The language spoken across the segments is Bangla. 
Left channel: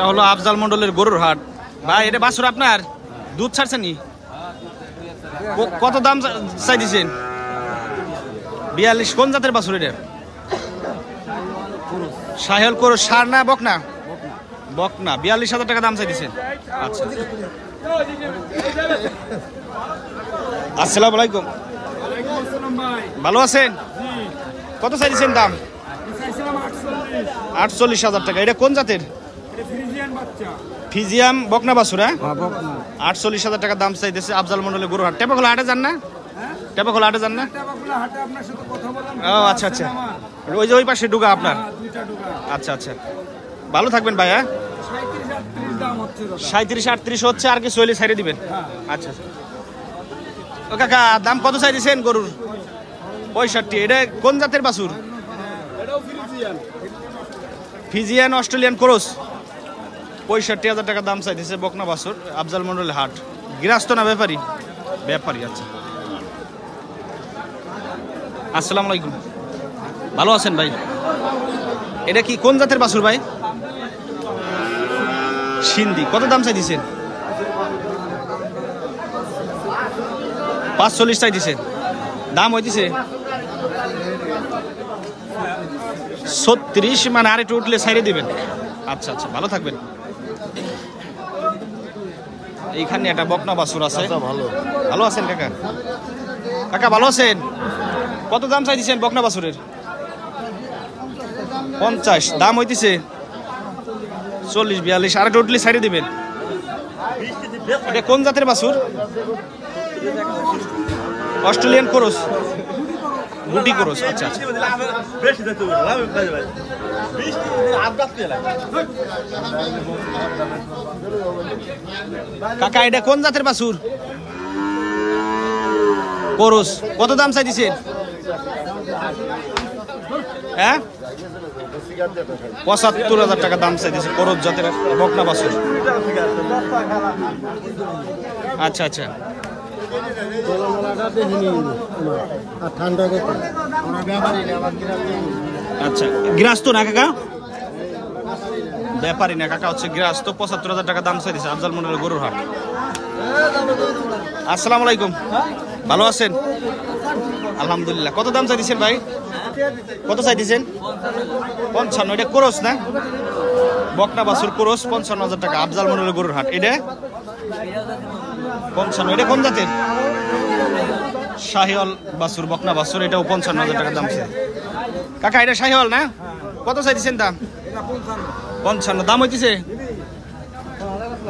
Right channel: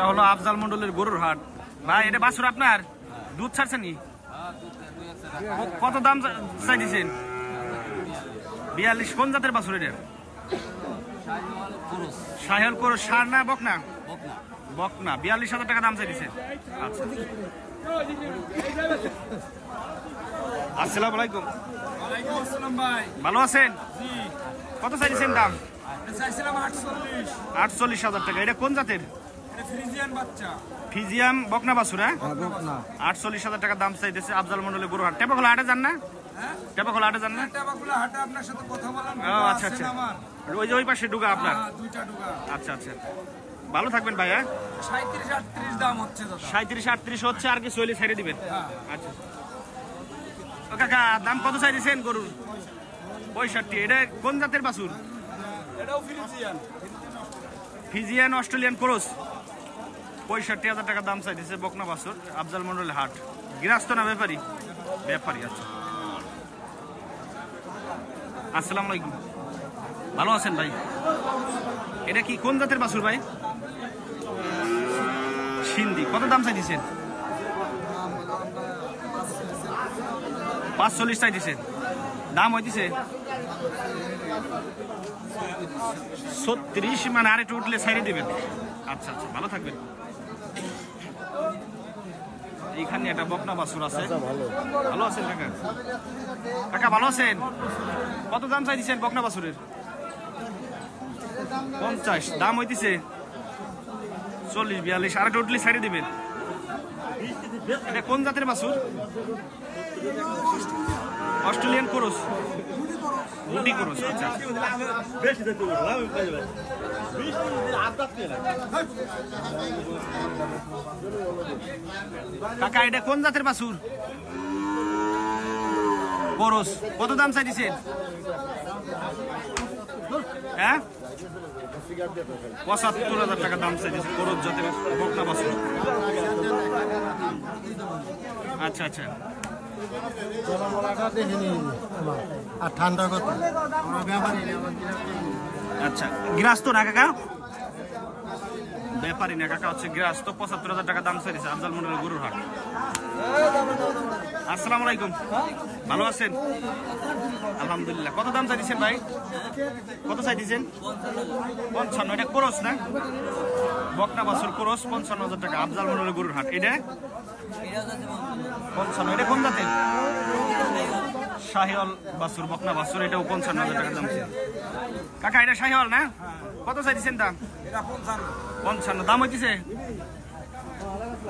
এটা হলো আফজাল মন্ডলের গরুর হাট। ভাই এটা বাছুর আপনার? দুধ ছাড়ছেন নি? কত দাম চাই দিচ্ছেন? 42। কোন জাতের বাছুর এটা? শাহিওয়াল ক্রস। সার না বকনা? বকনা। 42,000 টাকা দাম চাই দিচ্ছেন। আচ্ছা, আসসালামু আলাইকুম। ভালো আছেন? কত চাই দিচ্ছেন দাম? 48,000 টাকা। এটা কোন জাতের? ফিজিয়াম বকনা বাছুর। হ্যাঁ, 48,000 টাকা দাম চাইতেছে আফজাল মন্ডলের গরুর হাট। টেপাখোলা হাটে যান না? টেপাখোলা হাটে যান না? ও আচ্ছা আচ্ছা, ওই যে ওই পাশে ডুগা আপনার। আচ্ছা আচ্ছা, ভালো থাকবেন ভাই। হ্যাঁ, 37-38 হচ্ছে, আর কি চল্লিশ সাইডে দিবেন। আচ্ছা, ও কাকা দাম কত চাই দিচ্ছেন গরুর? 65। এটা কোন জাতের বাছুর? Friesian Australian cross. 65,000 টাকা দাম চাইতেছে বকনা বাছুর আফজাল মন্ডলের হাট। গৃহস্থ না ব্যাপারী? ব্যাপারী। আচ্ছা, আসসালামু আলাইকুম। ভালো আছেন ভাই? এটা কি কোন জাতের বাছুর ভাই? সিন্ধি। কত দাম চাই দিচ্ছেন? 45 চাই দিচ্ছেন। দাম হইতেছে 36, মানে আর একটু উঠলে ছাইড়ে দিবেন। আচ্ছা আচ্ছা, ভালো থাকবেন। এইখানে একটা বকনা বাছুর আছে। ভালো আছেন কাকা? কাকা ভালো আছেন? কত দাম চাই দিচ্ছেন বকনা বাছুরের? 50। দাম হইতেছে 40-42, আর একটু উঠলে ছাইড়ে দিবেন। এটা কোন জাতের বাছুর? অস্ট্রেলিয়ান ক্রস, গুটি ক্রস। আচ্ছা আচ্ছা, কাকা এটা কোন জাতের বাছুর? ক্রস। কত দাম চাই দিচ্ছেন? হ্যাঁ, 75,000 টাকা দাম চাইতেছে ক্রস জাতের বকনা বাছুর। আচ্ছা আচ্ছা, আচ্ছা, গৃহস্থ না কাকা? ব্যাপারী না কাকা, হচ্ছে গৃহস্থ। 75,000 টাকা দাম চাইতেছে আফজাল মন্ডলের গরুর হাট। আসসালামু আলাইকুম। ভালো আছেন? আলহামদুলিল্লাহ। কত দাম চাইতেছেন ভাই? কত চাইতেছেন? 55। এটা ক্রস না? বকনা বাছুর ক্রস। 55,000 টাকা আফজাল মন্ডলের গরুর হাট। এটা 55। এটা কোন জাতের? শাহিওয়াল বাছুর বকনা বাছুর। এটাও 55,000 টাকা দাম চাই। কাকা এটা শাহিওয়াল না? কত চাইতেছেন দাম? 55। দাম হইতেছে?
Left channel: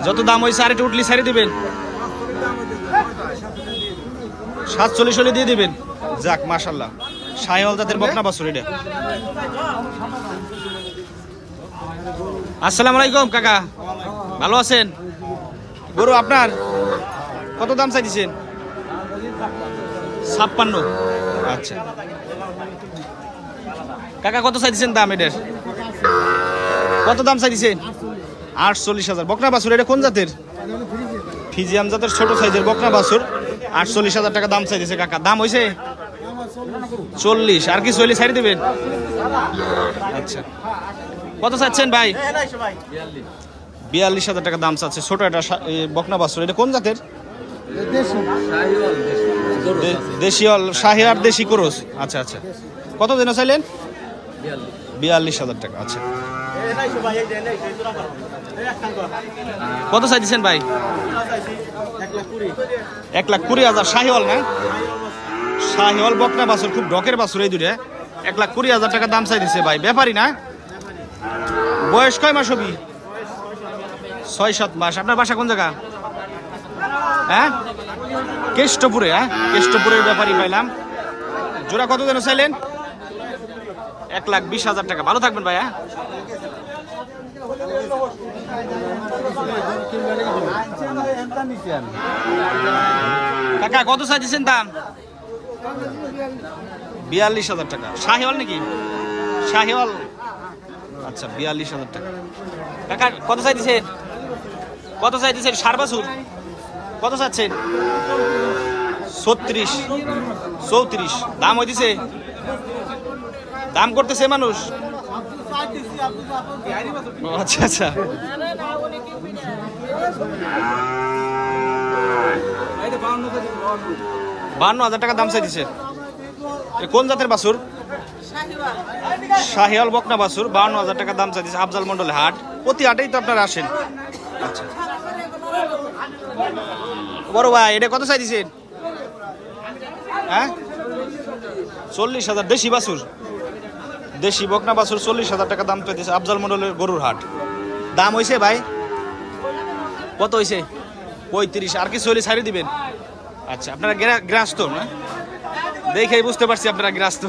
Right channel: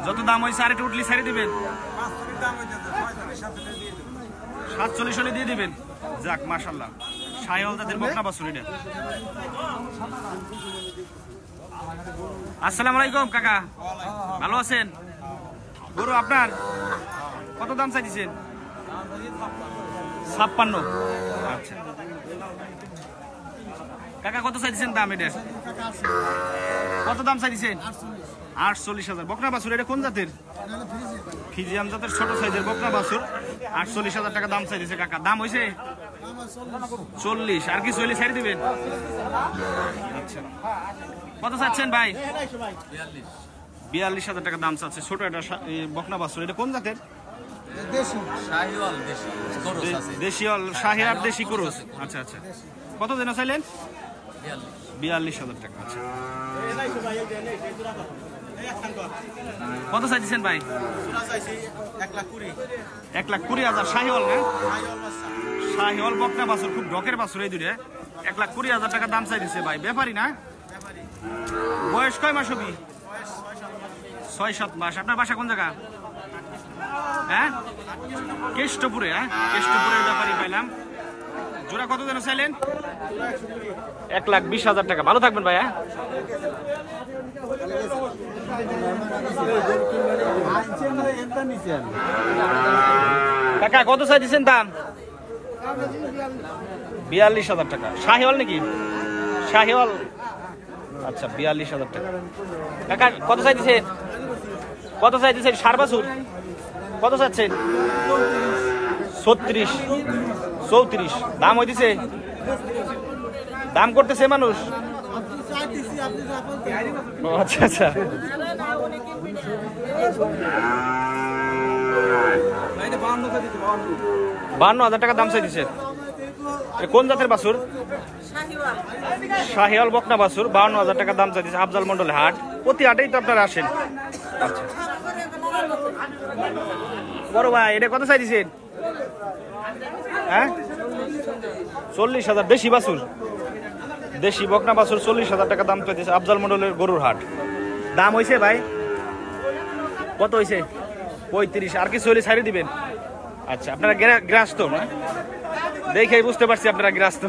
যত দাম হয়েছে আর একটু উঠলি ছাড়ি দিবেন। 47 হলে দিয়ে দিবেন। যাক, মাশাল্লাহ, শাহিওয়াল জাতের বকনা বাছুর এটা। আসসালামু আলাইকুম কাকা। ভালো আছেন? গরু আপনার? কত দাম চাইতেছেন? 56। আচ্ছা কাকা, কত চাইতেছেন দাম এটার? কত দাম চাইতেছেন? 48,000। বকনা বাছুর। এটা কোন জাতের? ফিজিয়াম জাতের ছোট সাইজের বকনা বাছুর। 48,000 টাকা দাম চাইতেছে কাকা। দাম হয়েছে 40, আর কি চল্লিশ ছাড়ি দিবেন। আচ্ছা, কত চাচ্ছেন ভাই? 42,000 টাকা দাম চাচ্ছে ছোট একটা বকনা বাছুর। এটা কোন জাতের? দেশিয়াল শাহিয়ার দেশি ক্রস। আচ্ছা আচ্ছা, কত যেন চাইলেন? 42,000 টাকা। আচ্ছা, কত চাইছেন ভাই? 1,20,000। শাহিওয়াল না? শাহিওয়াল বকনা বাছুর, খুব ডকের বাছুর এই দুটা। 1,20,000 টাকা দাম চাইছে ভাই। ব্যাপারী না? বয়স কয় মাস হবি? 6-7 মাস। আপনার বাসা কোন জায়গা? হ্যাঁ, কেষ্টপুরে। হ্যাঁ, কেষ্টপুরের ব্যাপারী পাইলাম। জোড়া কত যেন চাইলেন? 1,20,000 টাকা। ভালো থাকবেন ভাই। হ্যাঁ, কাকা কত চাইছেন দাম? 42,000 টাকা। শাহিওয়াল নাকি? শাহিওয়াল। আচ্ছা, 42,000 টাকা। কাকা কত চাইছেন? কত চাইছেন? ষাড় বাছুর। কত চাচ্ছেন? 36, 34। দাম হইতেছে? দাম করতেছে মানুষ? আচ্ছা আচ্ছা, 52,000 টাকা দাম চাইছে। কোন জাতের বাছুর? শাহিওয়াল বকনা বাছুর, 52,000 টাকা দাম চাইছে। আফজাল মন্ডল হাট, প্রতি হাটেই তো আপনারা আসেন। আচ্ছা বড় ভাই, এটা কত চাইছেন? হ্যাঁ 40,000। দেশি বাছুর, দেশি বকনা বাছুর 40,000 টাকা দাম চাইছে। আফজাল মন্ডলের গরুর হাট। দাম হয়েছে ভাই কত হয়েছে? 35। আর কিছু হলে ছাড়িয়ে দিবেন। আচ্ছা আপনারা গ্রাস্ত না? দেখেই বুঝতে পারছি আপনারা গ্রাস্ত।